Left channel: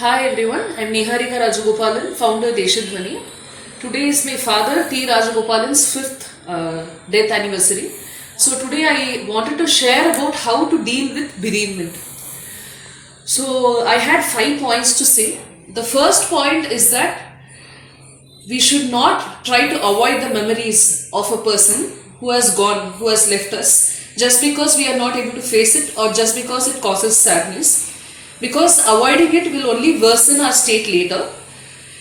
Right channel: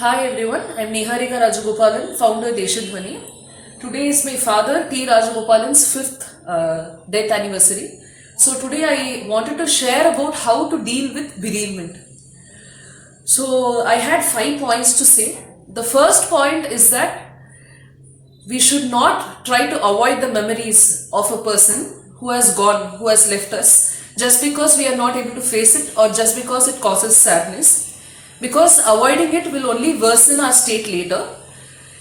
Hi everyone, I'm Niharika Rajagopalan, founder Deshadhwani. Today is my father T. Rajagopalan's 5th death anniversary. So today I wanted to share about how to deal with bereavement. So I had 5 points to say. The first point is that we should not try to avoid the memories of a person who has gone, who has left us, just because we are not able to face it or just because it causes sadness. Because avoiding it will only worsen our state later.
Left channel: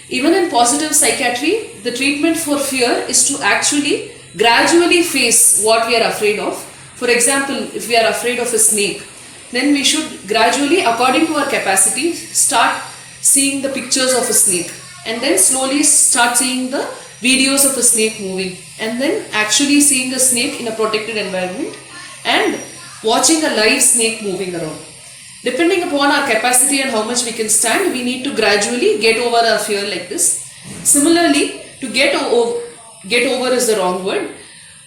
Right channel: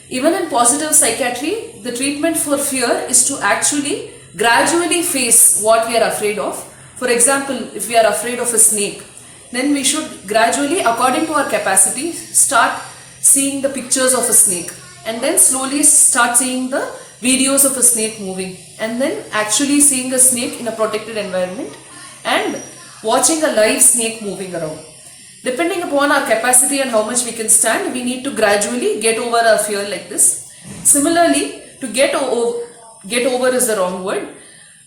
Even in positive psychiatry, the treatment for fear is to actually gradually face what we are afraid of. For example, if we are afraid of a snake, then we should gradually, according to our capacity, start seeing the pictures of a snake and then slowly start seeing the videos of a snake moving and then actually seeing a snake in a protected environment and watching a live snake moving around. Depending upon our capacity and how much we can stand, we need to gradually get over our fear like this. Similarly, to get over is the wrong word.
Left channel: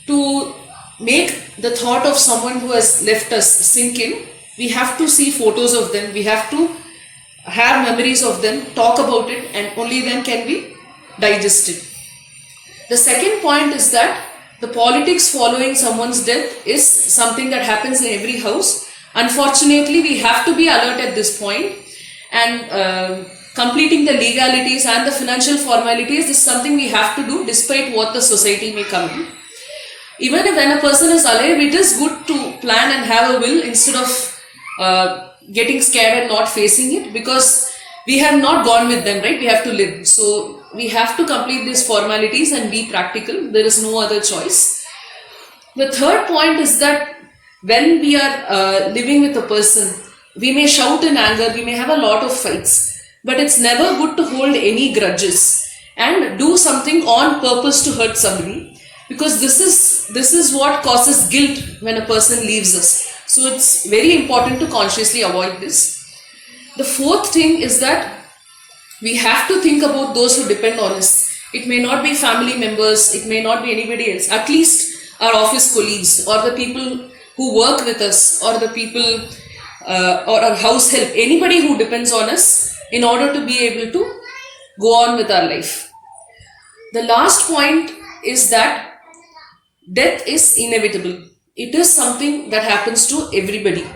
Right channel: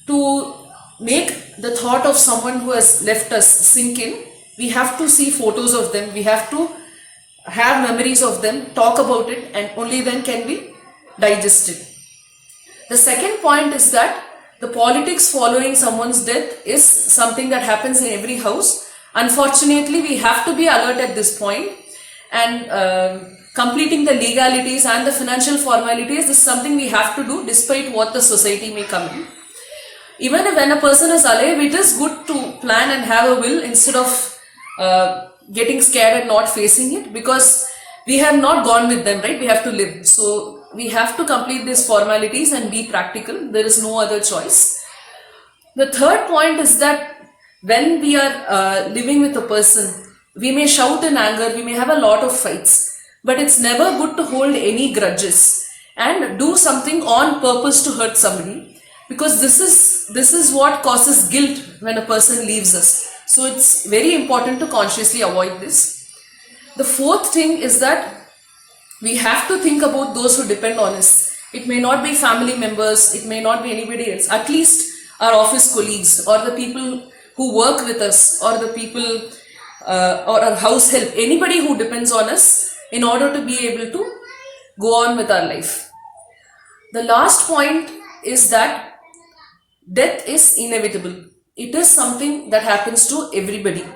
To make the thought of someone who has left us sink in, we have to see photos of them, we have to have memories of them, talk about it, and only then can we digest it. The second point is that the politics following someone's death is something that happens in every house. Unfortunately, we have to be alert at this point, and completing the legalities and the financial formalities is something we have to do despite what the society may come in. Even if when a person is alive, it is good to plan and have a will instead of getting scared and not facing it, because we have not gone with them, right? We have to live. So we have to complete these formalities and be practical. There is no other choice. The third point is that when we are living with a person, we may shout in anger, we may have a lot of fights, but it's never good to hold any grudges and do something on purpose to hurt somebody, because this is what causes guilt when a person leaves us. So it's very important to consciously avoid this. The fourth thing is that we have to think about those who depend on us. It may not be family members, it may not be anybody else, at least our office colleagues or the people who work with us, or the people or our house help, anybody who depends on us in order to be able to go on with our life. The last point is that death is inevitable. It is something that happens to everybody.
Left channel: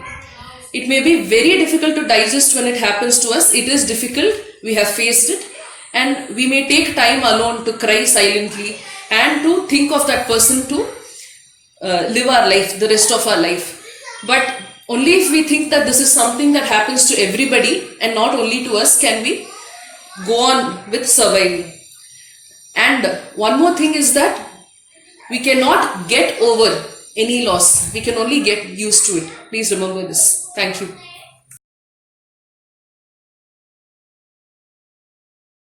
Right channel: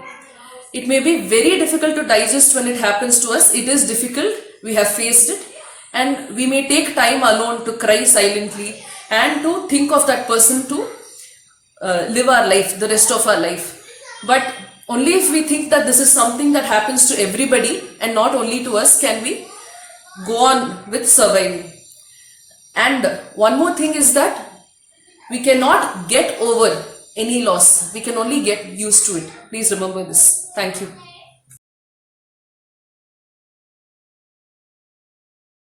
It may be very difficult to digest when it happens to us. It is difficult. We have faced it, and we may take time alone to cry silently and to think of that person to live our life, the rest of our life. But only if we think that this is something that happens to everybody and not only to us can we go on with surviving. And one more thing is that we cannot get over any loss. We can only get used to it. Please remember this. Thank you.